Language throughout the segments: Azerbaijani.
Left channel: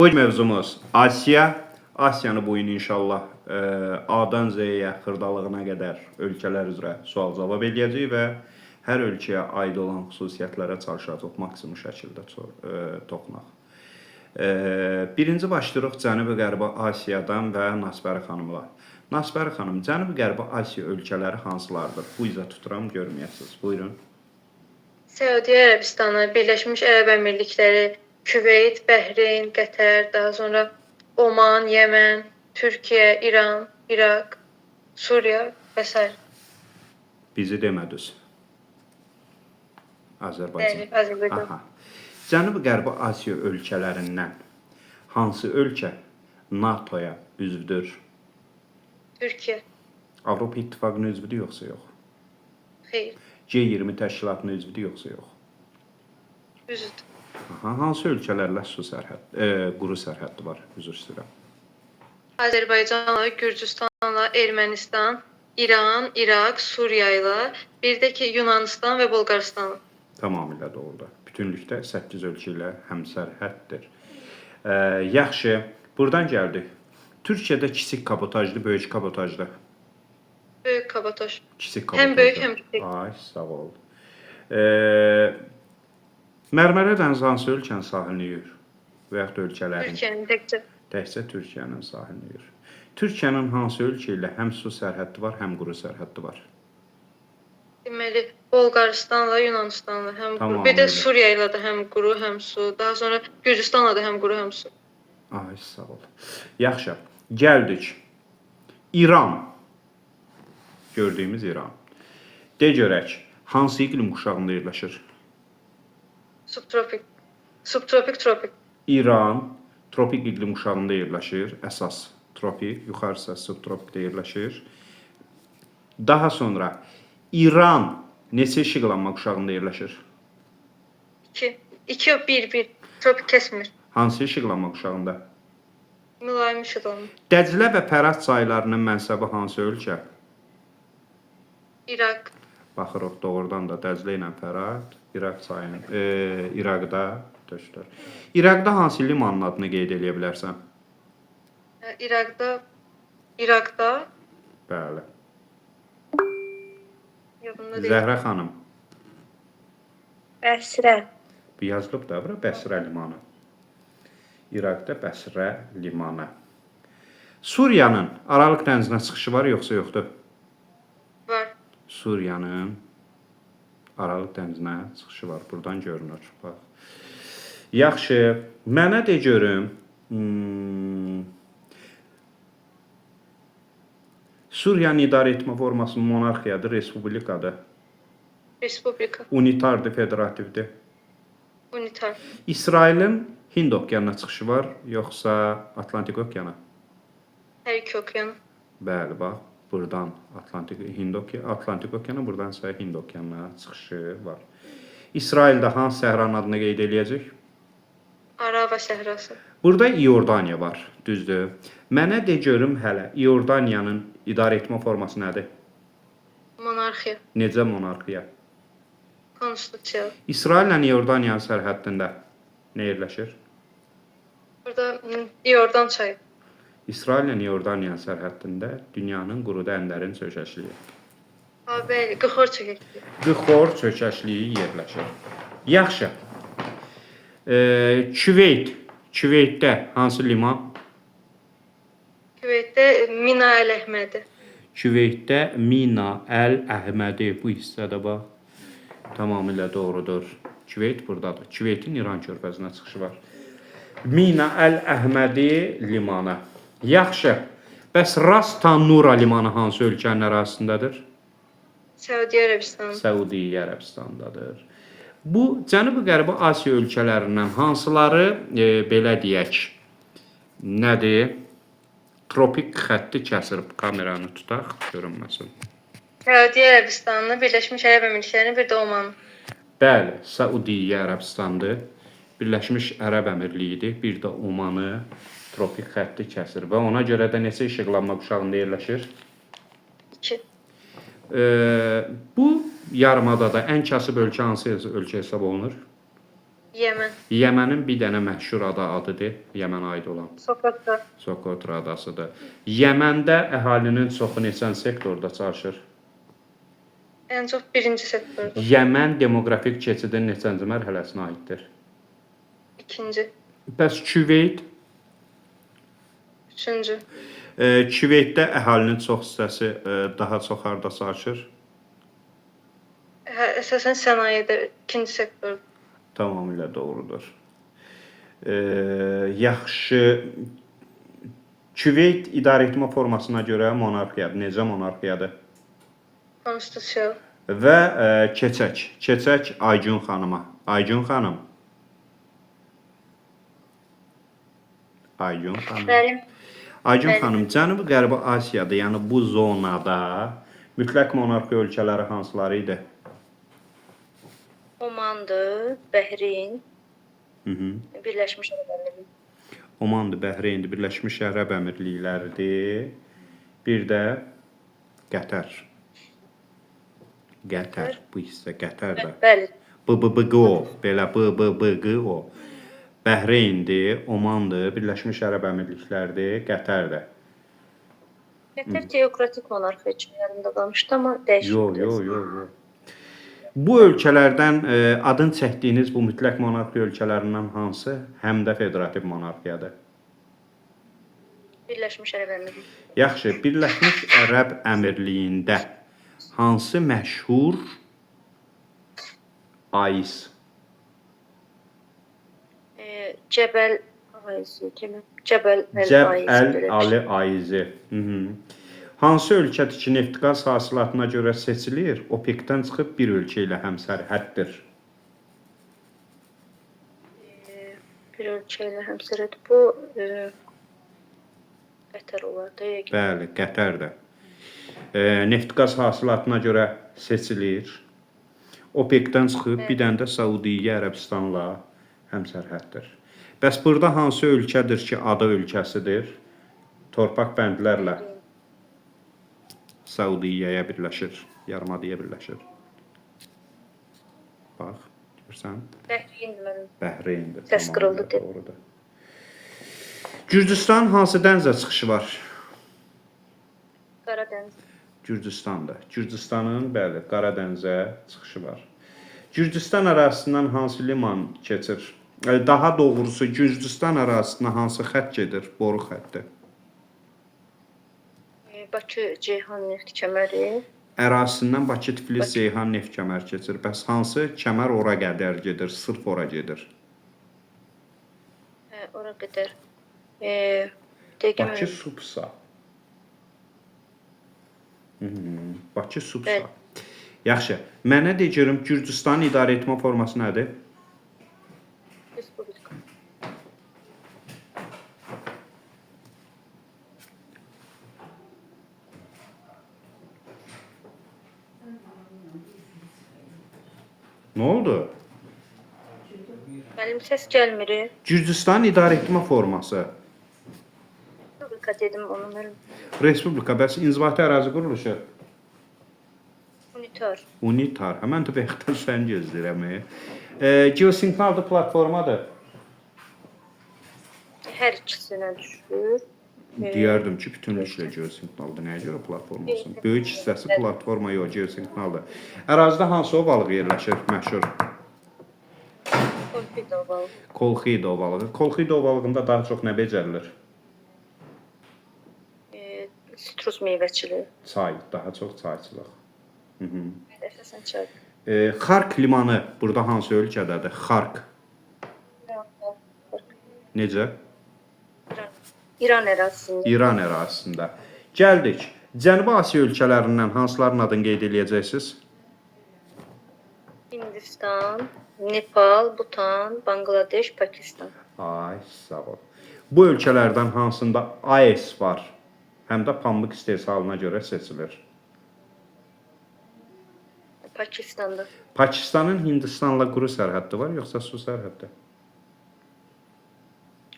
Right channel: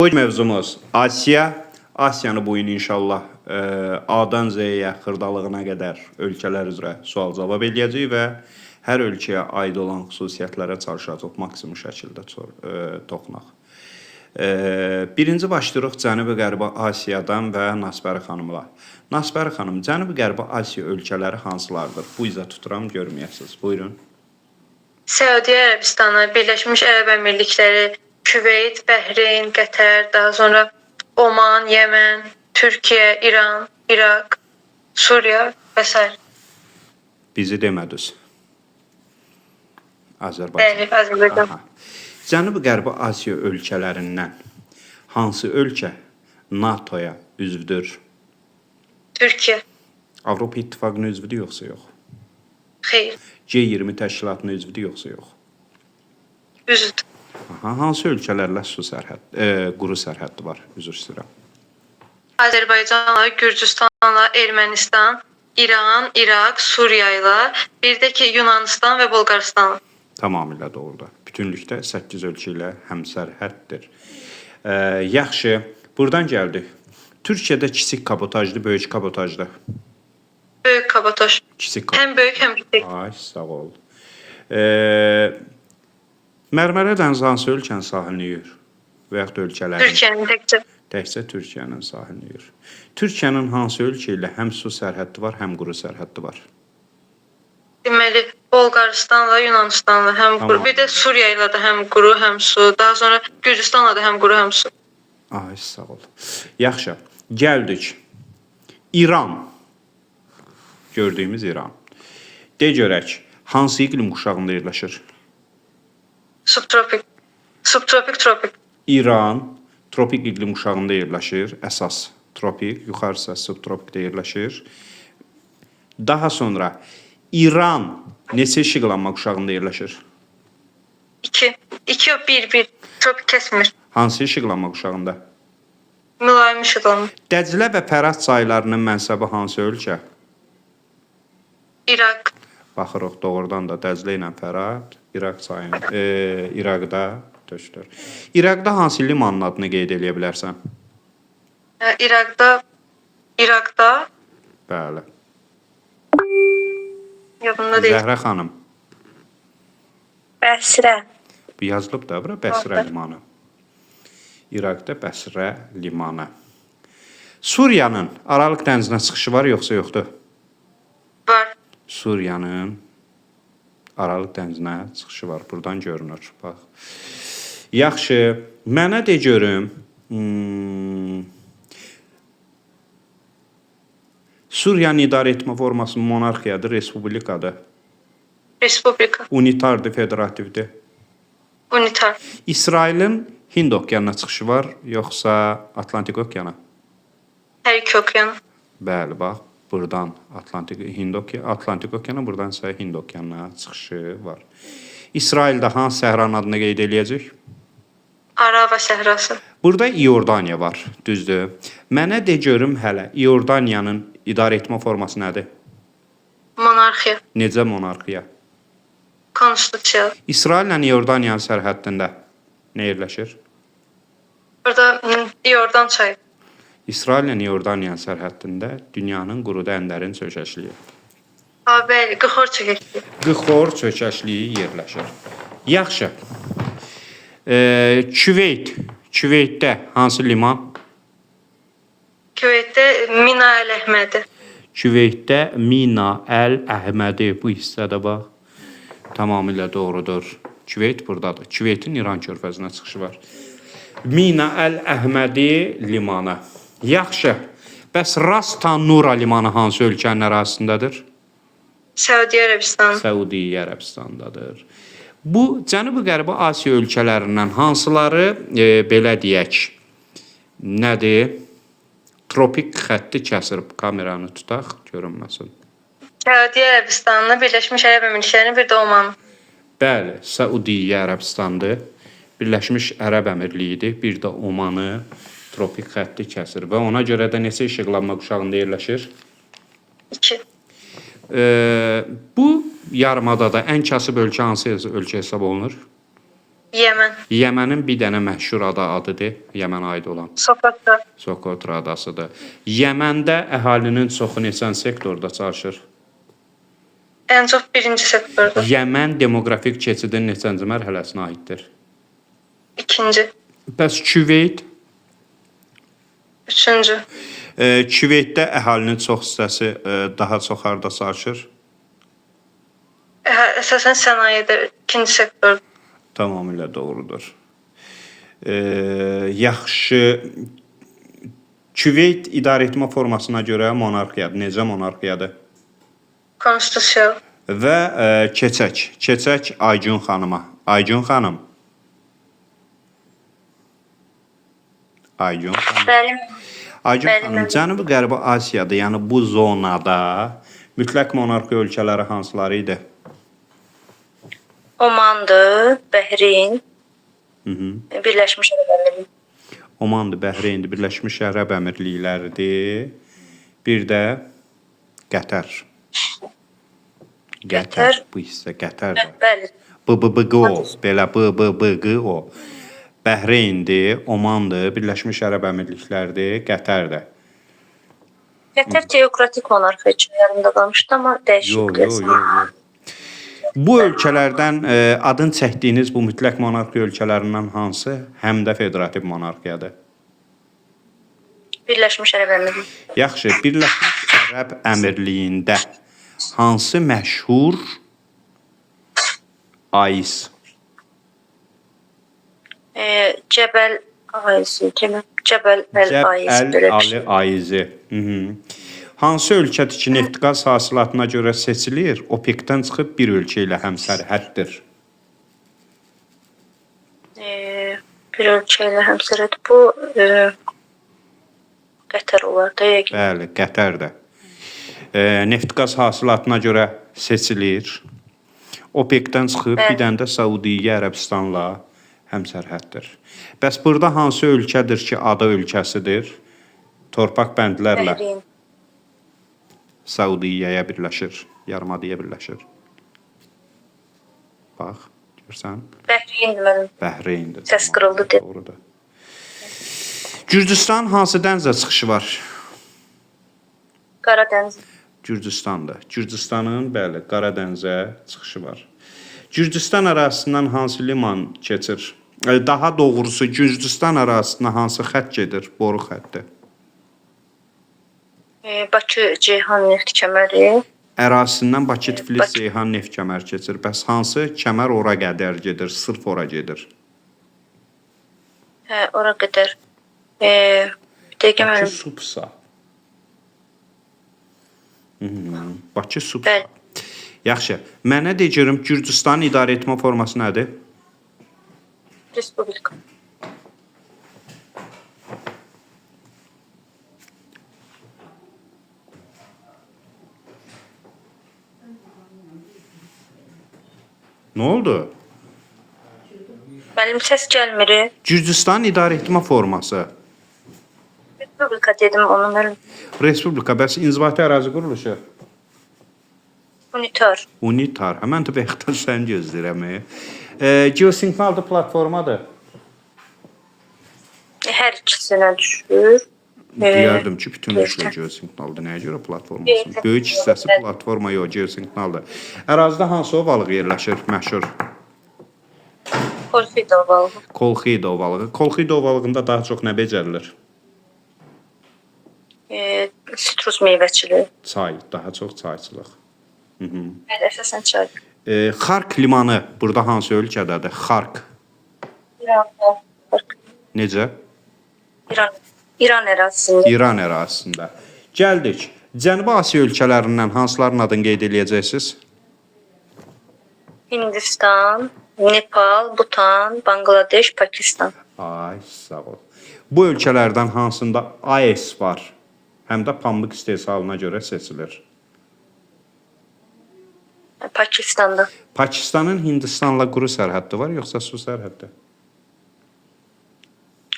Bu mövzumuz Asiya. Asiyanı bu gün inşallah A'dan Z'yə xırdalığına qədər ölkələr üzrə sual-cavab edəcəyik və hər ölkəyə aid olan xüsusiyyətlərə çalışacaq maksimum şəkildə toxunaq. Birinci başlayırıq Cənubi-Qərbi Asiyadan və Nasbəri xanımla. Nasbəri xanım, Cənubi-Qərbi Asiya ölkələri hansılardır? Bu izə tuturam, görməyəsiniz. Buyurun. Səudiyyə Ərəbistanı, Birləşmiş Ərəb Əmirlikləri, Küveyt, Bəhreyn, Qətər, daha sonra Oman, Yemen, Türkiyə, İran, İraq, Suriya və s. Bizi demədiniz. Azərbaycan. Bəli, Azərbaycan. Cənubi-Qərbi Asiya ölkələrindən hansı ölkə NATO-ya üzvdür? Türkiyə. Avropa İttifaqının üzvüdür yoxsa yox? Xeyr. G20 təşkilatının üzvüdür yoxsa yox? Üzvdür. Hansı ölkələrlə quru sərhəddi var? Üzr istəyirəm. Azərbaycanla, Gürcüstanla, Ermənistan, İran, İraq, Suriya ilə, bir də ki Yunanistan və Bolqarıstan. Tamamilə doğrudur. Bütünlükdə 8 ölkə ilə həmsərhəddir. Yaxşı, buradan gəldik. Türkiyədə kiçik kabotajlı, böyük kabotajlı. Böyük kabotaj. Kiçik kabotaj. Həm böyük, həm kiçik. Ay, sağ ol. Mərmərə dənizi hansı ölkənin sahilini yuyur? Və yaxud ölkələrin? Türkiyənin təkcə. Təkcə Türkiyənin sahilini yuyur. Türkiyənin hansı ölkə ilə həm su sərhəddi var, həm quru sərhəddi var? Deməli, Bolqarıstanla, Yunanistanla həm quru, bir də Suriya ilə də həm quru, həm su, daha sonra Gürcüstanla da həm quru, həm su. Ay, sağ ol. Yaxşı, gəldik. İran. Gördüyümüz İran. De görək, hansı iqlim quşağında yerləşir? Subtropik. Subtropik, tropik. İran tropik iqlim quşağında yerləşir. Əsas tropik, yuxarısı subtropikdə yerləşir. Daha sonra İran neçə işıqlanma quşağında yerləşir? 2. 2 yox, 1. Tropik kəsmir. Hansı işıqlanma quşağında? Mülayim işıqlanma. Dəclə və Fərat çaylarının mənsəbi hansı ölkə? İraq. Baxırıq doğrudan da Dəclə ilə Fərat İraq çayının İraqda tökülür. İraqda hansı limanın adını qeyd edə bilərsən? İraqda. Bəli. Yadımda deyil. Zəhrə xanım. Bəsrə. Bu yazılıb da bura Bəsrə limanı. İraqda Bəsrə limanı. Suriyanın Aralıq dənizinə çıxışı var yoxsa yoxdur? Var. Suriyanın Aralıq dənizinə çıxışı var. Buradan görünür. Bax. Yaxşı, mənə de görüm. Suriyanın idarə etmə forması monarxiyadır, respublikadır. Respublika. Unitardır, federativdir. Unitar. İsrailin Hind okeanına çıxışı var, yoxsa Atlantik okeana? Hər iki okean. Bəli, bax. Buradan Atlantik okeana, buradan isə Hind okeanına çıxışı var. İsraildə hansı səhranın adını qeyd eləyəcək? Arava səhrası. Burada İordaniya var, düzdür. Mənə de görüm hələ, İordaniyanın idarə etmə forması nədir? Monarxiya. Necə monarxiya? Konstitusiya. İsraillə İordaniyanın sərhəddində nə yerləşir? Burada Yordan çayı. İsraillə İordaniyanın sərhəddində dünyanın quruda ənlərin çökəkliyi. Bəli, Qıxor çökəkliyi. Qıxor çökəkliyi yerləşir. Yaxşı. Küveyt. Küveytdə hansı liman? Küveytdə Mina Əl-Əhmədi. Küveytdə Mina Əl-Əhmədi. Bu hissədə bax. Tamamilə doğrudur. Küveyt buradadır. Küveytin İran körfəzinə çıxışı var. Mina Əl-Əhmədi limanı. Yaxşı. Bəs Ras Tanura limanı hansı ölkənin ərazisindədir? Səudiyyə Ərəbistanı. Səudiyyə Ərəbistandadır. Bu Cənubi-Qərbi Asiya ölkələrindən hansıları belə deyək, nədir? Tropik xətti kəsir. Kameranı tutaq, görünməsin. Səudiyyə Ərəbistanı, Birləşmiş Ərəb Əmirlikləri, bir də Oman. Bəli, Səudiyyə Ərəbistandır. Birləşmiş Ərəb Əmirliyidir. Bir də Omanı tropik xətti kəsir və ona görə də neçə işıqlanma quşağında yerləşir? 2. Bu yarımadada ən kasıb ölkə hansı ölkə hesab olunur? Yemen. Yemənin bir dənə məşhur adıdır. Yemenə aid olan. Sokotra. Sokotra adasıdır. Yeməndə əhalinin çoxu neçən sektorda çalışır? En çok birinci sektorda. Yemen demoqrafik keçidin neçənci mərhələsinə aiddir? İkinci. Bəs Küveyt? Üçüncü. Küveytdə əhalinin çox hissəsi daha çox harda çalışır? Esasen sanayide ikinci sektor. Tamamilə doğrudur. Yaxşı. Küveyt idarəetmə formasına görə monarxiyadır. Necə monarxiyadır? Konstitusyon. Və keçək. Keçək Aygun xanıma. Aygun xanım. Aygun xanım. Benim. Aygun Bəli, xanım, bəli. Cənubi Qərbi Asiyada, yəni bu zonada mütləq monarxiya ölkələri hansıları idi? Omandır, Bəhreyn, Birləşmiş Ərəb Əmirlikləri. Omandır, Bəhreyndir, Birləşmiş Ərəb Əmirlikləridir. Bir də Qətər. Qətər. Bu hissə Qətərdir. Bəli, BBBQ o, belə BBBQ o. Bəhreyndir, Omandır, Birləşmiş Ərəb Əmirlikləridir, Qətərdir. Qətər teokratik monarxiya üçün yarımda qalmışdı, amma dəyişib Yox. Bu ölkələrdən adın çəkdiyiniz bu mütləq monarxiya ölkələrindən hansı həm də federativ monarxiyadır? Birləşmiş Ərəb Əmirlikləri. Yaxşı, Birləşmiş Ərəb Əmirliyində hansı məşhur aiz? Cəbəl Aysi, Cəbəl Əl-Aysi. Cəbəl aizi. Hansı ölkədir ki, neft-qaz hasilatına görə seçilir, OPEC-dən çıxıb bir ölkə ilə həmsərhəddir? Bir ölkə ilə həmsərhəd bu Qətər olar da yəqin. Bəli, Qətərdə. Neft-qaz hasilatına görə seçilir. OPEC-dən çıxıb bir dənə də Səudiyyə Ərəbistanla həmsərhəddir. Bəs burada hansı ölkədir ki, ada ölkəsidir? Torpaq bəndlərlə Bəhreyn. Səudiyyəyə birləşir, yarımadaya birləşir. Bax, görsən? Bəhreyndir mənim. Bəhreyndir. Səs qırıldı, de. Doğrudur. Gürcüstan hansı dənizə çıxışı var? Qaradəniz. Gürcüstanda. Gürcüstanın, bəli, Qara dənizə çıxışı var. Gürcüstan ərazisindən hansı liman keçir? Daha doğrusu, Gürcüstan ərazisindən hansı xətt gedir? Boru xətti. Bakı Ceyhan neft kəməri. Ərazisindən Bakı, Tiflis, Ceyhan neft kəmər keçir. Bəs hansı kəmər ora qədər gedir? Sırf ora gedir. Ora qədər. Dəqiqə Bakı mənim. Subsa. Bakı Subsa. Bəli. Yaxşı. Mənə de görüm Gürcüstanın idarə etmə forması nədir? Respublika. Nə oldu? Mənim səs gəlmir. Gürcüstanın idarə etmə forması. Respublika dedim onu mənim. Respublika, bəs inzibati ərazi quruluşu? Unitar. Unitar. Mən də bəxtər sən gözləyirəm. Geosignaldır platformadır. Hər ikisinə düşür. Deyərdim ki, bütünləşmə geosignaldır. Nəyə görə platformasın? Böyük hissəsi platforma yox, geosignaldır. Ərazidə hansı ovalığı yerləşir? Məşhur. Kolxida ovalığı. Kolxida ovalığı. Kolxida ovalığında daha çox nə becərilir? Sitrus meyvəçiliyi. Çay, daha çox çayçılıq. Əsasən çay. Xark limanı burada hansı ölkədədir? Xark. İran. Necə? İran ərazisində. İran ərazisində. Gəldik. Cənubi Asiya ölkələrindən hansıların adını qeyd edəcəksiniz? Hindistan, Nepal, Bhutan, Bangladeş, Pakistan. Ay, sağ ol. Bu ölkələrdən hansında AES var? Həm də pambıq istehsalına görə seçilir. Pakistanda. Pakistanın Hindistanla quru sərhəddi var, yoxsa su sərhəddi?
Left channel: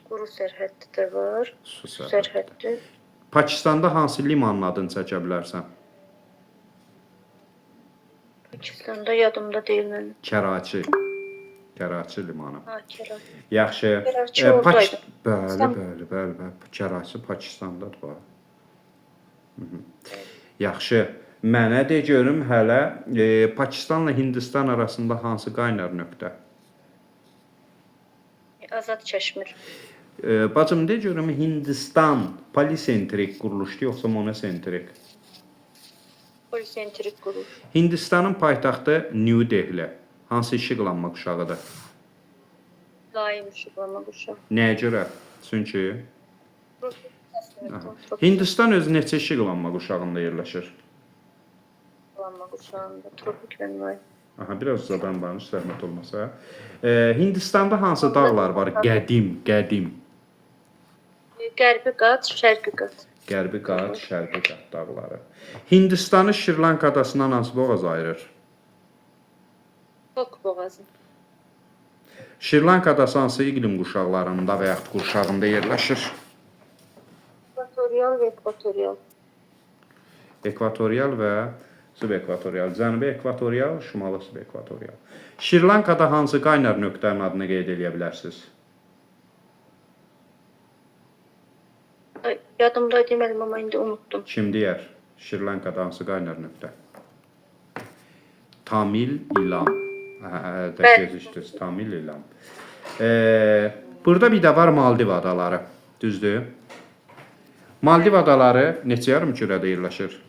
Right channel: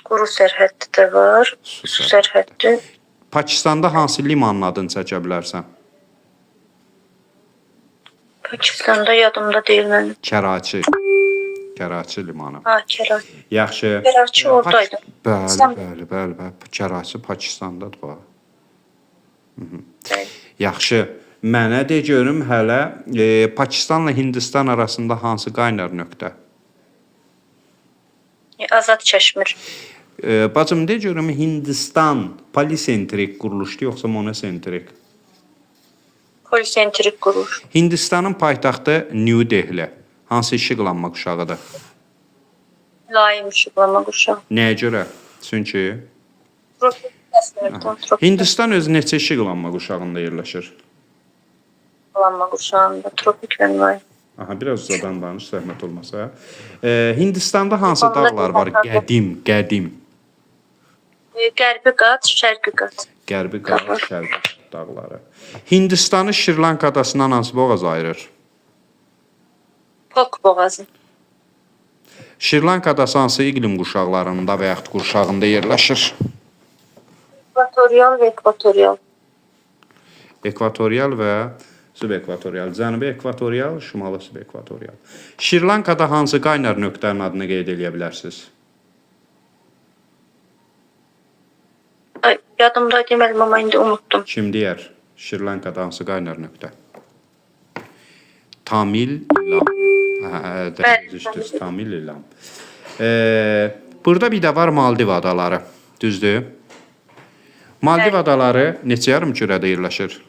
Quru sərhəddi də var. Su sərhəddi. Pakistanda hansı limanın adını çəkə bilərsən? Pakistanda yadımda deyil mənim. Kəraçi. Karachi limanı. Ha, Karachi. Yaxşı. Karachi oradaydı. Bəli. Karachi Pakistandadır bu. Bəli. Yaxşı. Mənə de görüm hələ Pakistanla Hindistan arasında hansı qaynar nöqtə? Azad Kəşmir. Bacım de görüm Hindistan polisentrik quruluşdur yoxsa monosentrik? Polisentrik quruluş. Hindistanın paytaxtı New Delhi. Hansı işıqlanma quşağıdır? Mülayim işıqlanma quşağı. Nəyə görə? Çünki Tropik kəsmirdən. Tropik Hindistan öz neçə işıqlanma quşağında yerləşir? işıqlanma quşağında. Tropik və mülayim. Aha, biraz uzadan danış, zəhmət olmasa. Hindistanda hansı dağlar var? Qədim. Qərbi qat, şərqi qat. Qərbi qat, şərqi qat dağları. Hindistanı Şirlanka adasından hansı boğaz ayırır? Pok boğazı. Şirlanka adası hansı iqlim quşaqlarında və yaxud qurşağında yerləşir? Ekvatorial və ekvatorial. Ekvatorial və subekvatorial. Cənubi ekvatorial, şimalı subekvatorial. Şirlankada hansı qaynar nöqtənin adını qeyd edə bilərsiniz? Ay, yadımda deməlim, amma indi unuttum. Kim deyər? Şirlankada hansı qaynar nöqtə? Tamil İlam. Düzdür, Tamil İlam. Burada bir də var Maldiv adaları. Düzdür? Maldiv adaları neçə yarımkürədə yerləşir?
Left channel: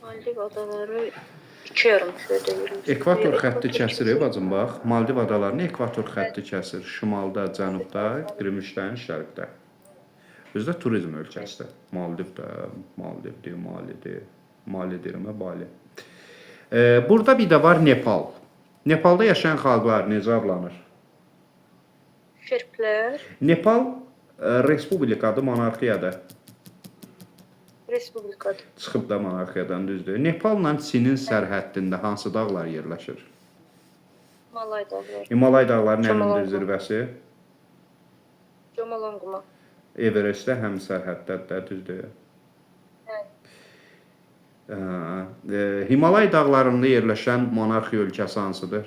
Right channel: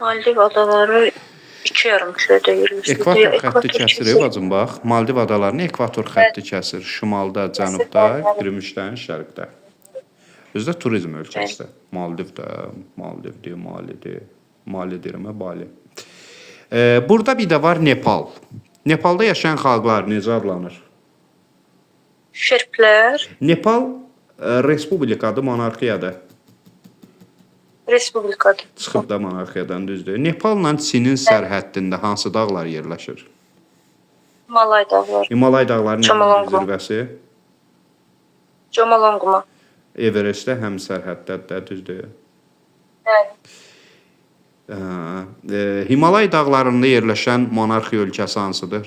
Maldiv adaları 2 yarımkürədə yerləşir. Ekvator xətti kəsir, bacım bax. Maldiv adalarını ekvator xətti kəsir. Şimalda, cənubda, Gümüşdən şərqdə. Özdə turizm ölkəsidir. Maldivdir, Malidir, Bali. Burada bir də var Nepal. Nepalda yaşayan xalqlar necə adlanır? Şerplər, Nepal respublikadır, monarxiyadır. respublikadır. Çıxıb da monarxiyadan düzdür. Nepalla Çinin sərhəddində hansı dağlar yerləşir? Malay dağları. Himalay dağlarının Chomolungma. zirvəsi Chomolungma. Everestdə həm sərhəddədir, düzdür. Himalay dağlarında yerləşən monarxiya ölkəsi hansıdır?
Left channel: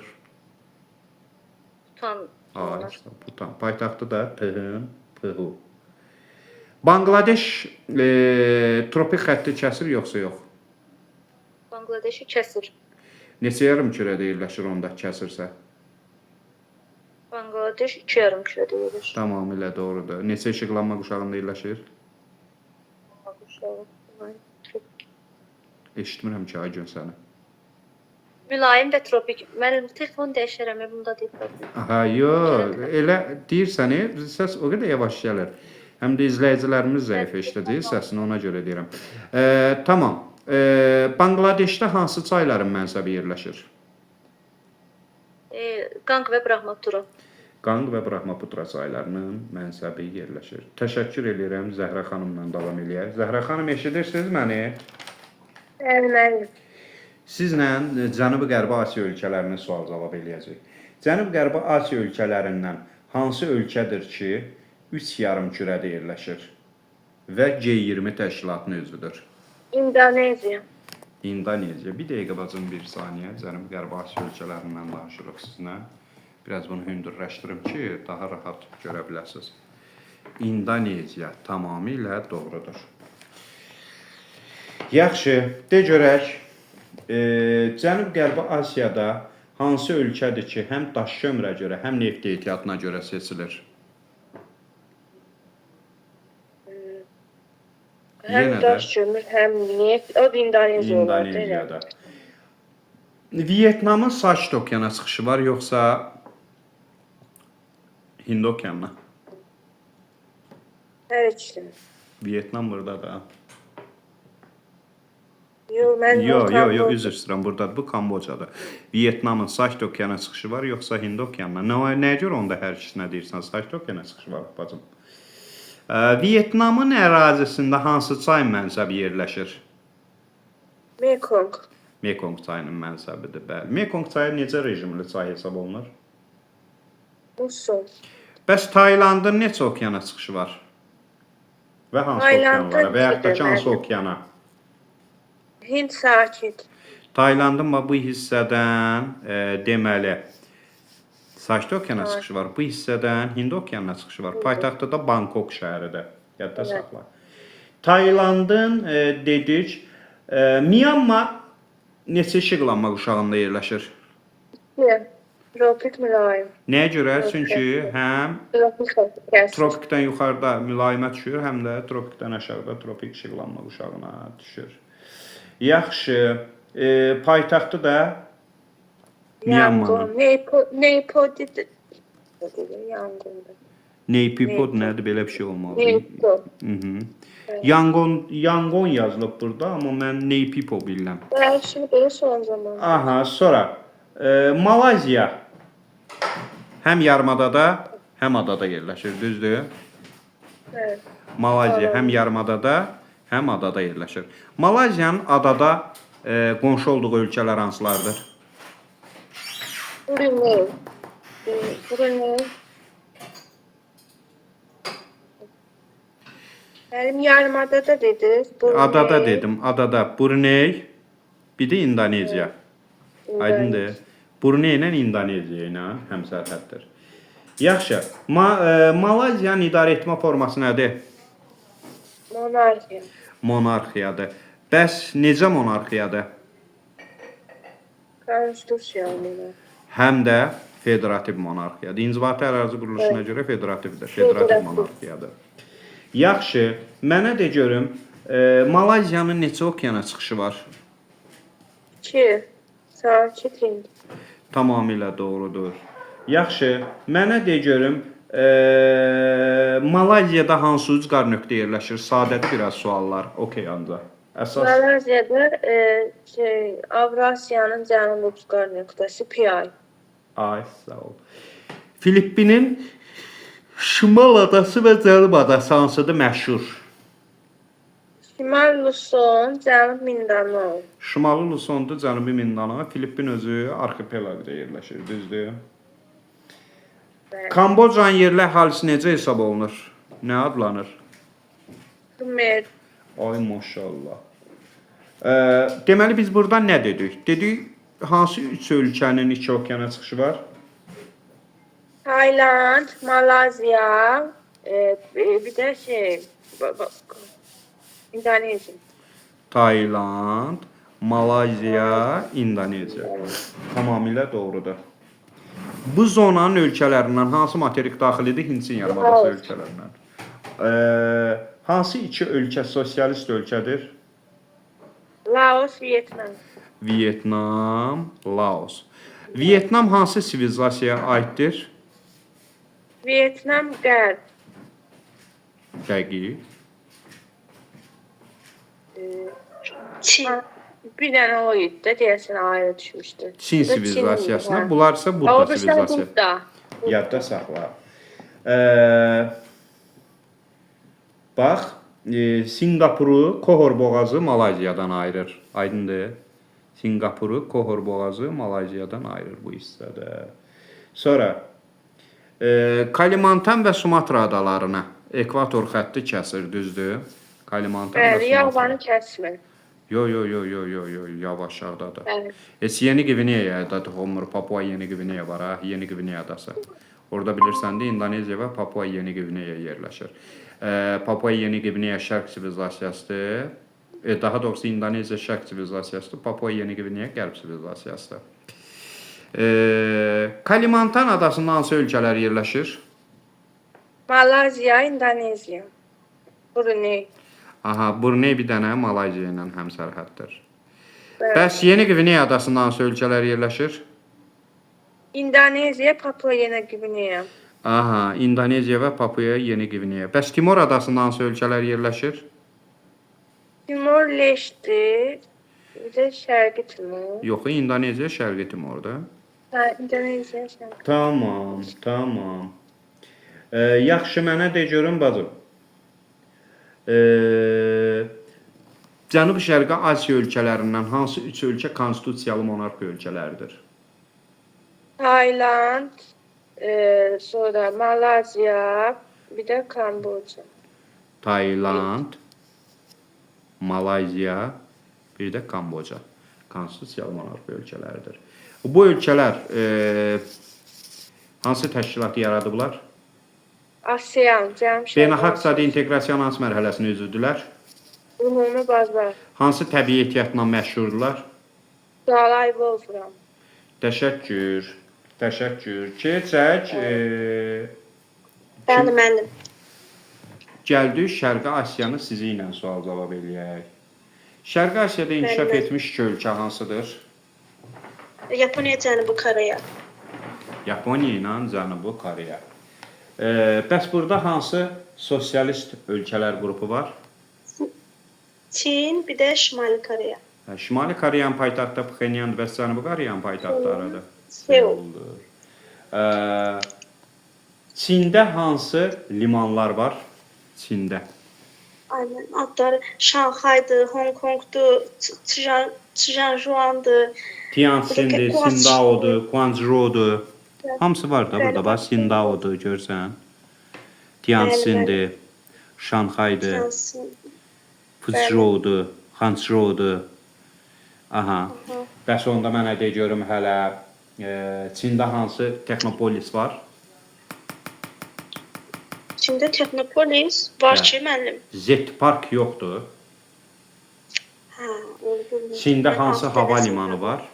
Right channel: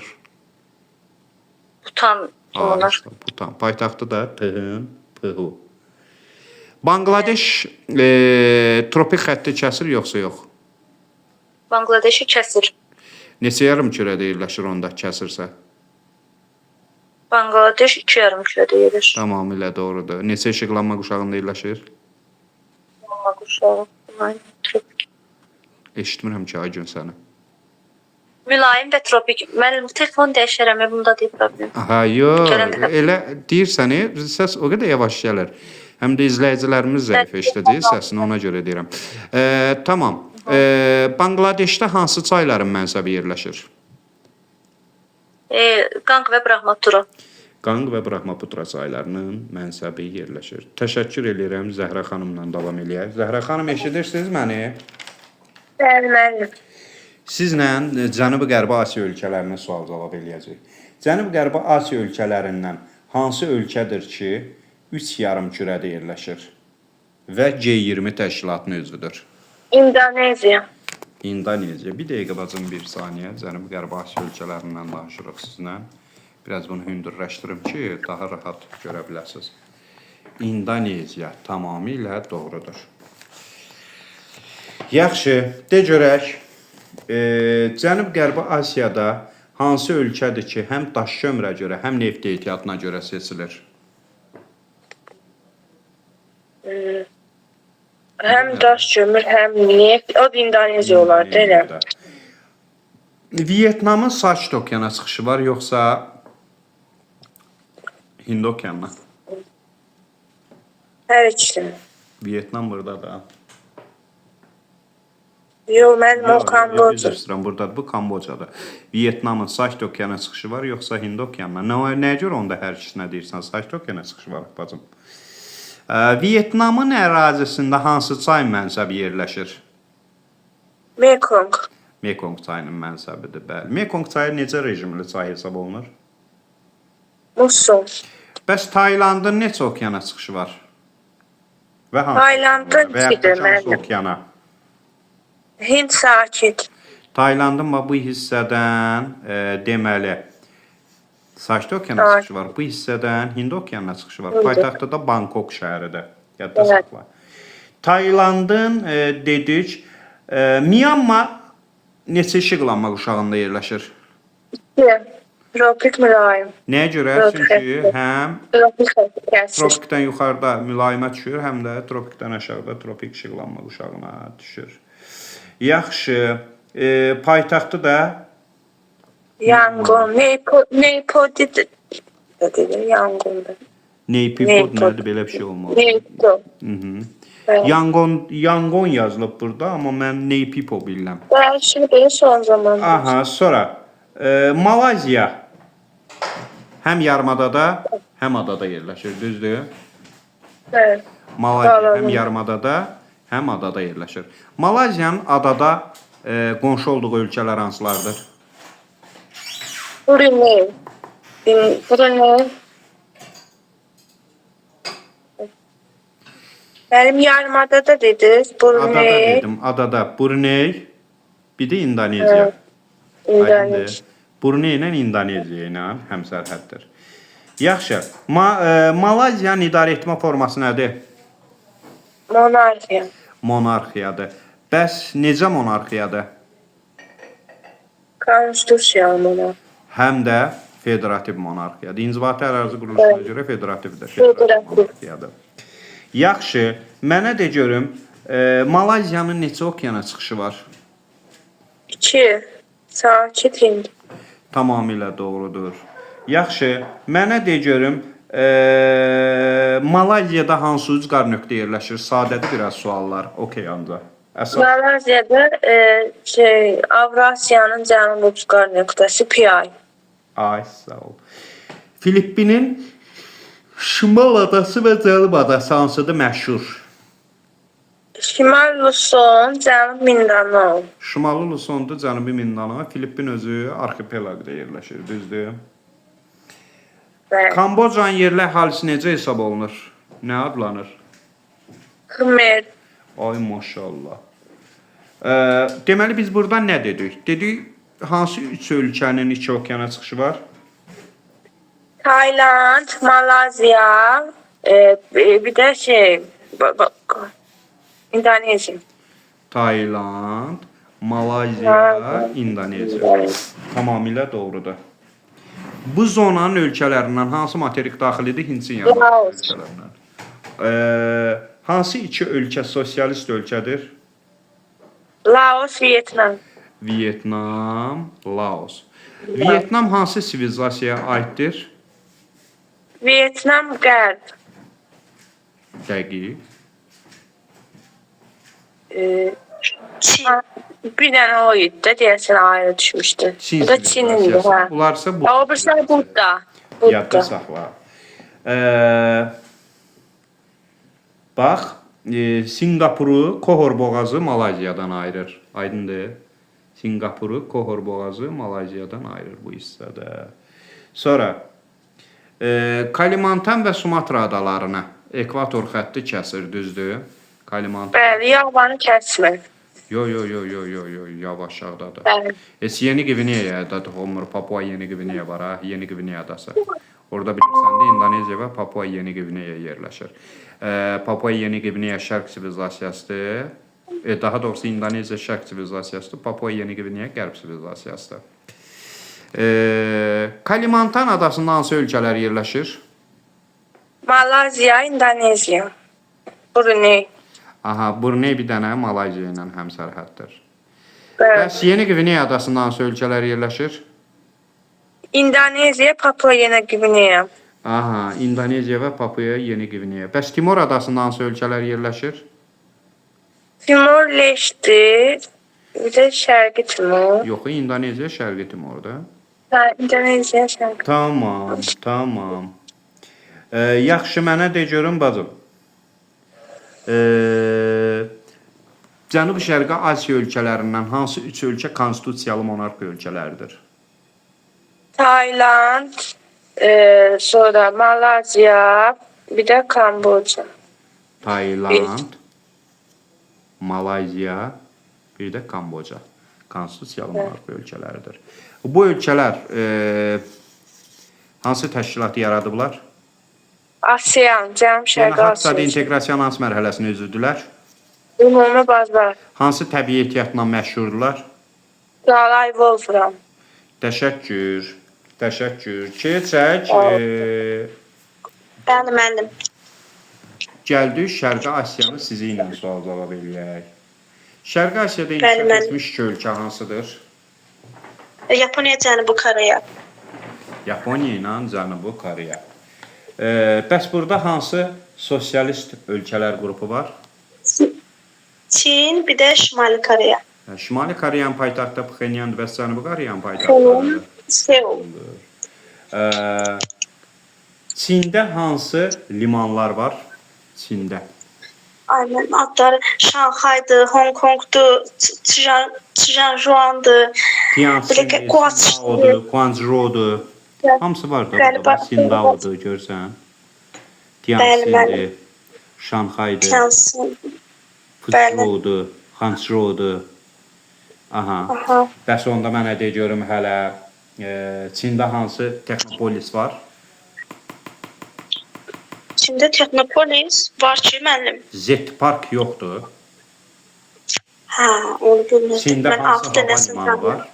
Butan onlar. Butan. Paytaxtı da Phu. Bangladeş tropik xətti kəsir yoxsa yox? Bangladeşi kəsir. Neçə yarımkürədə yerləşir onda kəsirsə? Bangladeş 2 yarımkürədə yerləşir. Tamamilə doğrudur. Neçə işıqlanma quşağında yerləşir? Amma quşağı. Tropik. Eşitmirəm ki, ay gün səni. Mülayim və tropik. Mən telefon dəyişərəm, bunda deyil problem. Aha, yox. Elə deyirsən, səs o qədər yavaş gəlir. Həm də izləyicilərimiz zəif eşidəcək səsini, ona görə deyirəm. Tamam. Bangladeşdə hansı çayların mənsəbi yerləşir? Qanq və Brahmaputra. Qanq və Brahmaputra çaylarının mənsəbi yerləşir. Təşəkkür edirəm, Zəhra xanımla davam eləyək. Zəhra xanım, eşidirsiniz məni? Bəli. Sizlə Cənubi-Qərbi Asiya ölkələrinə sual-cavab eləyəcək. Cənubi-Qərbi Asiya ölkələrindən hansı ölkədir ki, 3 yarımkürədə yerləşir və G20 təşkilatının üzvüdür? İndoneziya. İndoneziya. Bir dəqiqə bacım, bir saniyə. Cənubi-Qərbi Asiya ölkələrindən danışırıq sizinlə. Biraz bunu hündürləşdirim ki, daha rahat görə biləsiniz. İndoneziya tamamilə doğrudur. Yaxşı, de görək. Cənub-Qərbi Asiyada hansı ölkədir ki, həm daş kömürə görə, həm neft ehtiyatına görə seçilir? Həm daş kömür, həm neft. O da İndoneziya olardı, elə. Vyetnamın Sakit okeana çıxışı var, yoxsa Hind okeanına? Hər ikisi. Vyetnam buradadır. Yox, mən o Yox, Kamboca. üzr istəyirəm, buradadır. Bu Kambocadır. Vyetnamın Sakit okeana çıxışı var, yoxsa Hind okeanına? Nəyə görə onda hər ikisinə deyirsən? Sakit okeana çıxışı var, bacım. Vyetnamın ərazisində hansı çay mənsəbi yerləşir? Mekong. Mekong çayının mənsəbidir, bəli. Mekong çayı necə rejimli çay hesab olunur? Musul. Bəs Taylandın neçə okeana çıxışı var? Və hansı Taylandın okeanlara? Və yaxud da ki, hansı deməli. okeana? Hind sakit. Taylandın bu hissədən deməli Sakit Okeana Ay. çıxışı var. Bu hissədən Hind Okeanına çıxışı var. Doğrudur. Paytaxtı da Bangkok şəhəridir. Yadda Evet. saxla. Taylandın dedik Myanmar neçə işıqlanma quşağında yerləşir? Tropik mülayim. Nəyə görə? Tropik. Çünki həm Tropik gəlsin. tropikdən yuxarıda mülayimə düşür, həm də tropikdən aşağıda tropik işıqlanma quşağına düşür. Yaxşı, paytaxtı da Yangon. Neypodi dedi. Yangon'da. Naypyidaw Naypyidaw. nədir? Belə bir şey olmalı. Neypodi. Evet. Yangon yazılıb burada, amma mən Naypyidaw bilirəm. Ben şimdi benim son zaman. Aha, sonra Malayziya həm yarımadada, həm adada yerləşir, düzdür? Evet. Malayziya həm Doğru. yarımadada, həm adada yerləşir. Malayziyanın adada qonşu olduğu ölkələr hansılardır? Brunei. Brunei. Benim yarımada dediniz. Brunei. Adada dedim, adada. Brunei, bir də İndoneziya. Aydındır. Brunei ilə İndoneziya ilə həmsərhəddir. Yaxşı. Malayziyanın idarə etmə forması nədir? Monarxiya. Monarxiyadır. Bəs necə monarxiyadır? Konstitusiyalı monarxiya. Həm də federativ monarxiyadır. İnzibati ərazi quruluşuna görə federativdir. Federativ monarxiyadır. Yaxşı. Mənə de görüm, Malayziyanın neçə okeana çıxışı var? 2. Sakit Hind. Tamamilə doğrudur. Yaxşı. Mənə de görüm, Malazyada hansı ucqar nöqtə yerləşir? Sadədir biraz suallar. Okey ancaq. Əsas. Malazya'da Avrasyanın cənub ucqar nöqtəsi Pi. Ay, sağ ol. Filippinin Şimal adası və Cənub adası hansıdır məşhur? Şimal Luzon, cənub Mindanao. Şimali Luzondur, Cənubi Mindanao. Filippin özü arxipelaqda yerləşir, düzdür? Bəli. Kambocanın yerli əhalisi necə hesab olunur? Nə adlanır? Khmer. Ay maşallah. Deməli biz burada nə dedik? Dedik hansı üç ölkənin iki okeana çıxışı var? Tayland, Malazya, bir də İndonezya. Tayland, Malayziya, İndoneziya. Tamamilə doğrudur. Bu zonanın ölkələrindən hansı materik daxilidir? Hindçin yarımadası ölkələrindən. Hansı iki ölkə sosialist ölkədir? Laos, Vietnam. Vietnam, Laos. Vietnam hansı sivilizasiyaya aiddir? Vietnam qərb. Dəqiq. Çin. Bir dənə o idi də deyəsən ayrı düşmüşdü. Çin Bu da Çin'indi, sivilizasiyası. hə. Bunlar isə O Budda birisi sivilizasiyası. Budda. Yadda saxla. Bax, Singapuru Kohor boğazı Malayziyadan ayırır. Aydındır? Singapuru Kohor boğazı Malayziyadan ayırır bu hissədə. Sonra Kalimantan və Sumatra adalarına ekvator xətti kəsir, düzdür? Kalimantan. Bəli, Yavanı kəsmir. Yo, yavaş aşağıdadır. Bəli. Yeni Gvineya'da olmur. Papua Yeni Gvineya var ha, Yeni Gvineya adası. Orada bilirsən də İndoneziya və Papua Yeni Gvineya yerləşir. Papua Yeni Gvineya şərq sivilizasiyasıdır. Daha doğrusu İndoneziya şərq sivilizasiyasıdır. Papua Yeni Gvineya qərb sivilizasiyasıdır. Kalimantan adasında hansı ölkələr yerləşir? Malazya, İndonezya. Brunei. Aha, Brunei bir dənə Malayziya ilə həmsərhəddir. Bəli. Bəs Yeni Gvineya adasında hansı ölkələr yerləşir? İndonezya, Papua Yeni Gvineya. Aha, İndoneziya və Papua Yeni Gvineya. Bəs Timor adasında hansı ölkələr yerləşir? Timor Leste, bir də Şərqi Timor. Yox, İndoneziya Şərqi Timorda. İndonezya, Şərqi. Tamam. Yaxşı, mənə de görün bacım. Cənubi-Şərqi Asiya ölkələrindən hansı üç ölkə konstitusiyalı monarxiya ölkələridir? Tayland, sonra Malazya, bir də Kamboca. Tayland, Malayziya, bir də Kamboca. Konstitusiyalı monarxiya ölkələridir. Bu ölkələr hansı təşkilatı yaradıblar? ASEAN, Cənub Şərqi Beynəlxalq iqtisadi Asiya. inteqrasiyanın hansı mərhələsini üzüdülər? Ümumi bazar. Hansı təbii ehtiyatla məşhurdular? Qalay Wolfram. Təşəkkür. Təşəkkür. Keçək. Mənim. Gəldik Şərqi Asiyanı sizi ilə sual-cavab eləyək. Şərqi Asiyada inkişaf etmiş iki ölkə hansıdır? Yaponiya, Cənubi Koreya. Yaponiya ilə Cənubi Koreya. Bəs burada hansı sosialist ölkələr qrupu var? Çin, bir də Şimali Koreya. Şimali Koreyanın paytaxtı Pxenyandır və Cənubi Koreyanın paytaxtıdır. Seul. Çində hansı limanlar var? Çində. Aynen, adları Şanxay'dı, Hong Kong'du, Tianjuan'dı. Tianjin'dir, Sindao'dur, Guangzhou'dur. Hamısı var da burada bax. Sindao'dur görsən. Tianjin'dir, Şanxay'dır, Tianjin. Fuzhou'dur, Hangzhou'dur. Aha. Bəs onda mənə de görüm hələ Çində hansı texnopolis var? Çin'de Teknopolis var ki müəllim. Z-Park yoxdur. Ha, onu bilmirdim. Çində Ben hansı altı hava dənəsini limanı tanıyorum. var?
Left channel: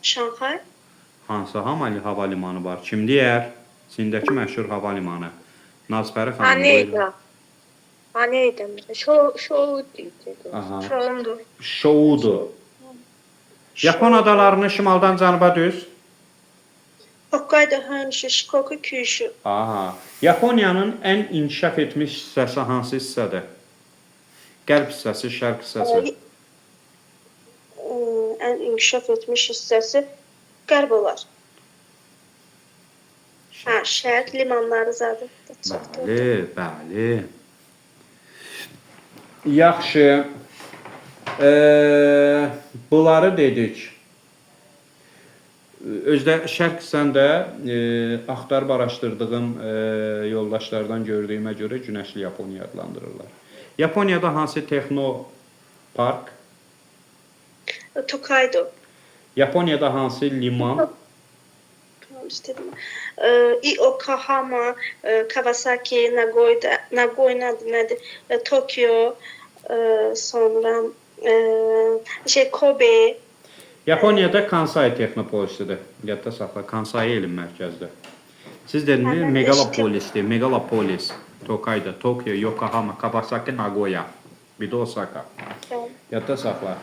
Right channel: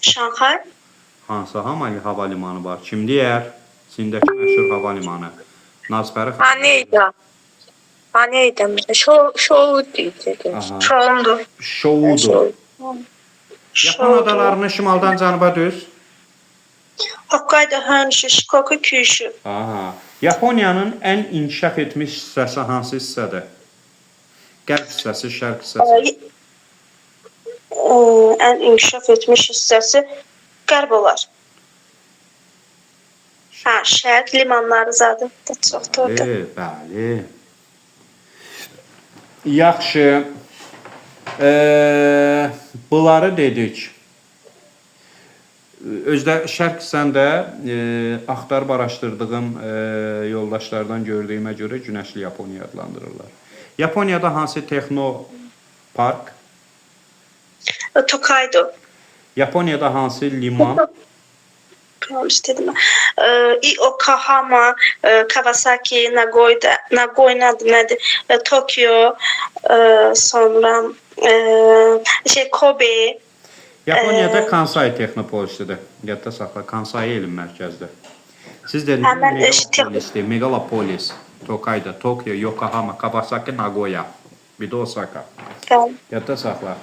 Şanxay. Hansı hava limanı var? Kim deyər? Çindəki məşhur hava limanı. Nazfəri xanım. Aneyda. Aneyda. Şou diyecek. Aha. Şoundu. Şoudur. Yapon adalarını şimaldan cənuba düz. Hokkaido, Honshu, Shikoku, Kyushu. Aha. Yaponiyanın ən inkişaf etmiş hissəsi hansı hissədir? Qərb hissəsi, şərq hissəsi. En inkişaf etmiş hissəsi qərb olar. Ha, şərq limanları zaten çoxdur orada. Bəli, bəli. Yaxşı. Bunları dedik. Özdə şərq hissəndə axtarıb araşdırdığım yoldaşlardan gördüyümə görə Günəşli Yaponiya adlandırırlar. Yaponiyada hansı texnopark? Tokaido. Yaponiyada hansı liman? Tamam istedim. Yokohama, Kawasaki, Nagoya nədir? Tokyo, sonra Kobe. Yaponiyada Kansai texnopolisidir. Yadda saxla, Kansai elm mərkəzidir. Siz dediniz megalopolisdir, megalopolis. Tokayda, Tokyo, Yokohama, Kawasaki, Nagoya. Bir də Osaka. Tamam. Yadda saxla.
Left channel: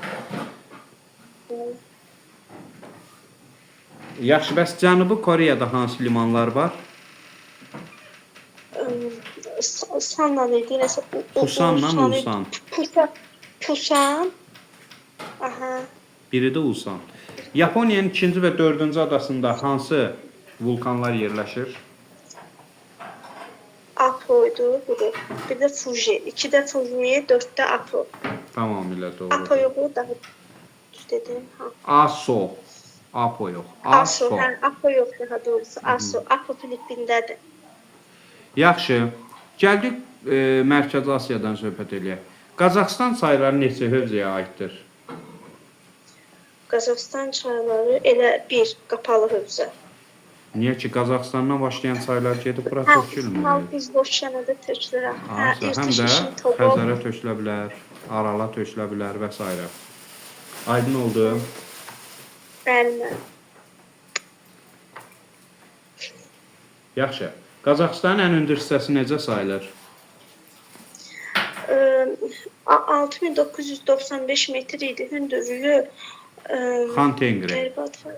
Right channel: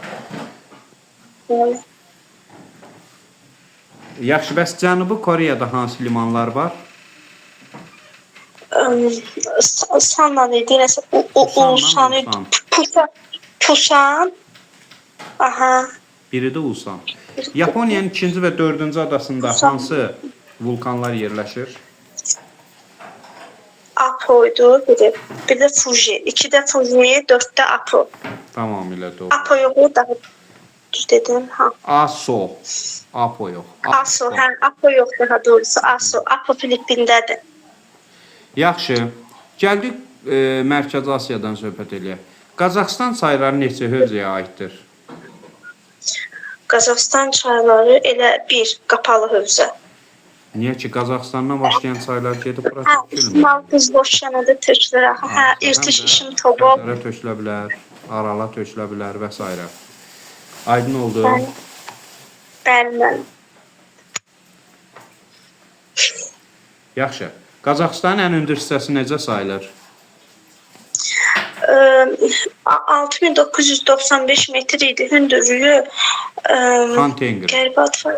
Yaxşı, bəs Cənubi Koreyada hansı limanlar var? Sanla idi, nəsə Ulsan. Pusan. Aha. Biri də Ulsan. Yaponiyanın 2-ci və 4-cü adasında hansı vulkanlar yerləşir? Apo'ydu biri. Bir de Fuji. 2'de Fuji, 4'te Apo. Tamamilə doğru. Apo yok daha düz dedim. Ha. Aso. Apo yox. Aso. Ha, Apo yok daha doğrusu. Aso. Apo Filipin'dedir. Yaxşı. Gəldik Mərkəzi Asiyadan söhbət eləyək. Qazaxıstan çayları neçə hövzəyə aiddir? Qazaxıstan çayları elə bir qapalı hövzə. Niyə ki Qazaxıstandan başlayan çaylar gedib bura Ha, tökülmür? İsmail Qızboşyanada tökülür. Ha, İrtiş işim Togo. Xəzərə tökülə bilər, Arala tökülə bilər və s. Aydın oldu. Bəli. Yaxşı. Qazaxıstanın ən hündür hissəsi necə sayılır? 6995 metr idi hündürlüğü. Xan Tengri. Qəribə adı var.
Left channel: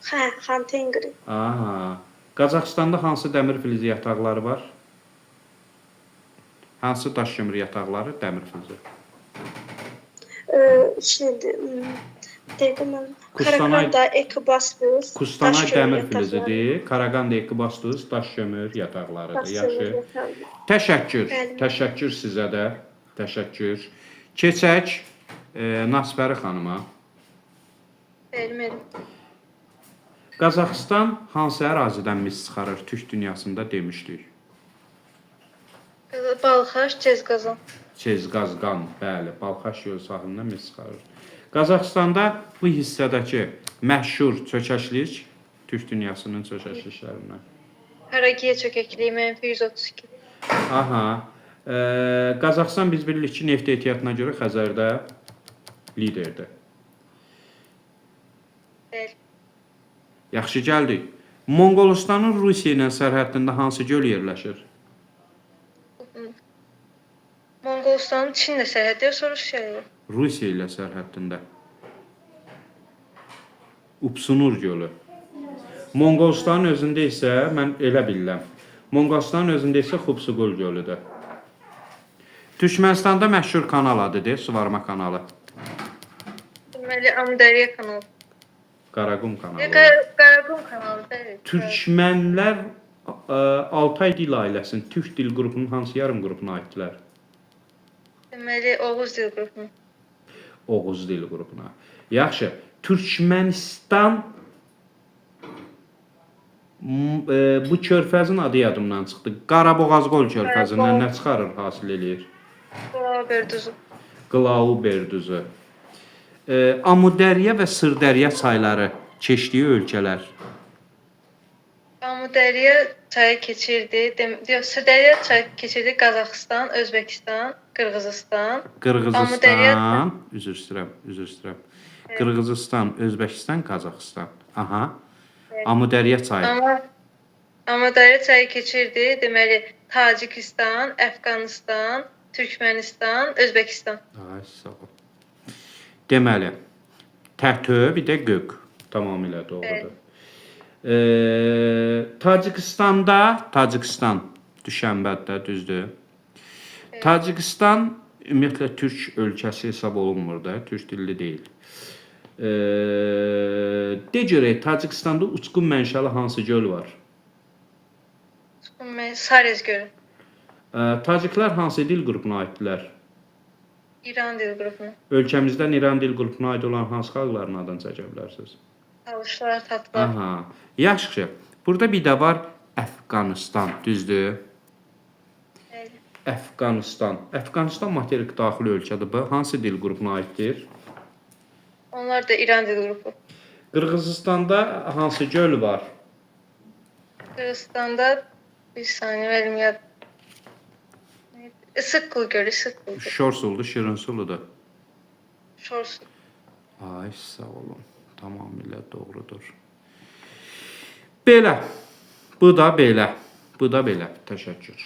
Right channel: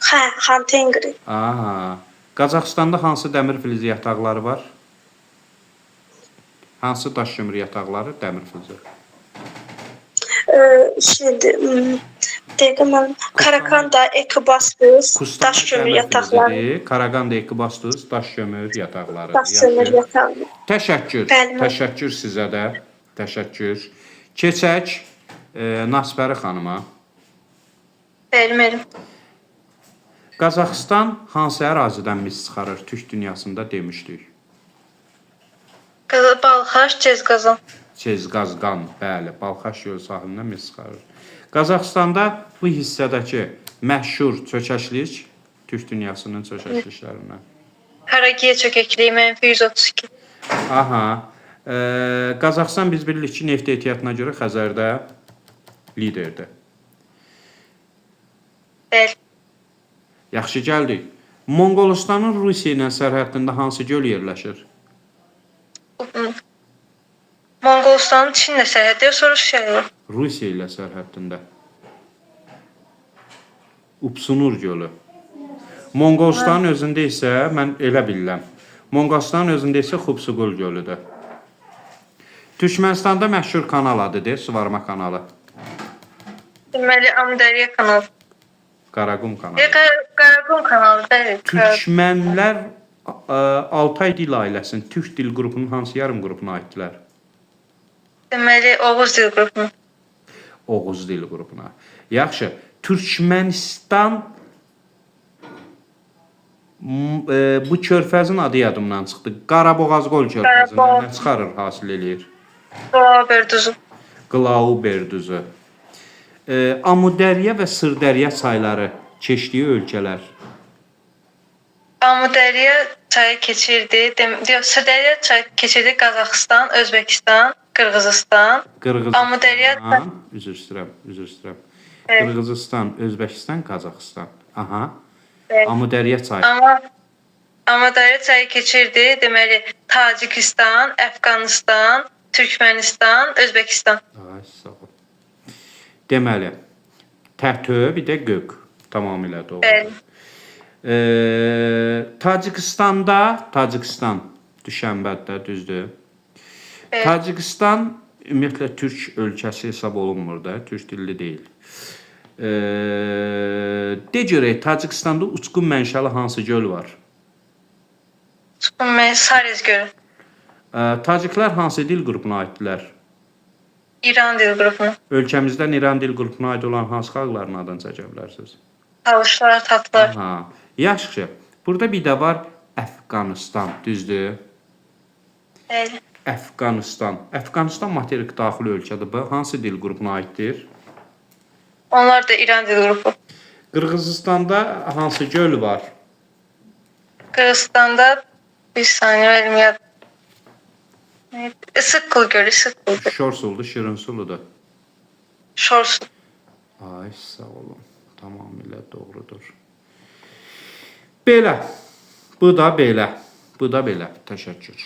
Ha, Xan Tengri. Aha. Qazaxıstanda hansı dəmir filizi yataqları var? Hansı daş kömür yataqları dəmir filizi? Şimdi dedim Karakanda, Ekibastos, Kustana daş kömür dəmir yatakları. filizidir. Karaganda, Ekibastos, daş kömür yataqları. Daş kömür yatakları. Təşəkkür. Bəli. Təşəkkür sizə də. Təşəkkür. Keçək Nasbəri xanıma. Bəli. Qazaxıstan hansı ərazidən mis çıxarır? Türk dünyasında demişdik. Balxaş, Cezqazan. Çezqazqan, bəli, Balxaş gölü sahilindən mis çıxarır. Qazaxıstanda bu hissədəki məşhur çökəklik Türk dünyasının çökəkliklərindən. Karagiyə çökəkliyi -132. Aha. Qazaxıstan biz bilirik ki, neft ehtiyatına görə Xəzərdə liderdir. Bəli. Yaxşı gəldik. Monqolistanın Rusiya ilə sərhəddində hansı göl yerləşir? Monqolistanın Çinlə sərhəddə soruşuyor. Rusiya ilə sərhəddində. Upsunur gölü. Monqolistanın özündə isə mən elə bilirəm. Monqolistanın özündə isə Xubsugul gölüdür. Türkmənistanda məşhur kanal adıdır, Suvarma kanalı. Deməli Amudərya kanalı. Qaraqum kanalı. Qaraqum kanalı, bəli. Türkmənlər Altay dil ailəsinin Türk dil qrupunun hansı yarım qrupuna aiddirlər? Deməli Oğuz dil qrupu. Oğuz dil qrupuna. Yaxşı. Türkmənistan bu körfəzin adı yadımdan çıxdı. Qaraboğazqol körfəzindən nə çıxarır, hasil eləyir? Qlauberduzu. Qlauberduzu. Amudərya və Sırdərya çayları keçdiyi ölkələr. Amudərya çayı keçirdi. Sırdərya çayı keçirdi Qazaxıstan, Özbəkistan, Qırğızistan. Qırğızistan, üzr istəyirəm. Qırğızistan, Özbəkistan, Qazaxıstan. Aha. Amudərya çayı. Amudərya çayı keçirdi. Deməli Tacikistan, Əfqanistan, Türkmənistan, Özbəkistan. Ay, sağ ol. Deməli, Tətö, bir də Göq. Tamamilə doğrudur. Tacikistan düşənbədə, düzdür. Tacikistan ümumiyyətlə Türk ölkəsi hesab olunmur da, Türk dilli deyil. De görək, Tacikistanda uçqun mənşəli hansı göl var? Sarez gölü. Taciklər hansı dil qrupuna aiddirlər? İran dil qrupuna. Ölkəmizdən İran dil qrupuna aid olan hansı xalqların adını çəkə bilərsiniz? Talışlar, tatlar. Aha. Yaxşı. Burada bir də var Əfqanistan, düzdür? Bəli. Əfqanistan. Əfqanistan materik daxili ölkədir. Bu hansı dil qrupuna aiddir? Onlar da İran dil qrupu. Qırğızistanda hansı göl var? Qırğızistanda bir saniye verməyəm. Isıqqıl gölü, Isıqqıl gölü. Şorsuludur, Şirinsuludur. Şorsu. Ay, sağ olun. Tamamilə doğrudur. Belə. Bu da belə. Təşəkkür.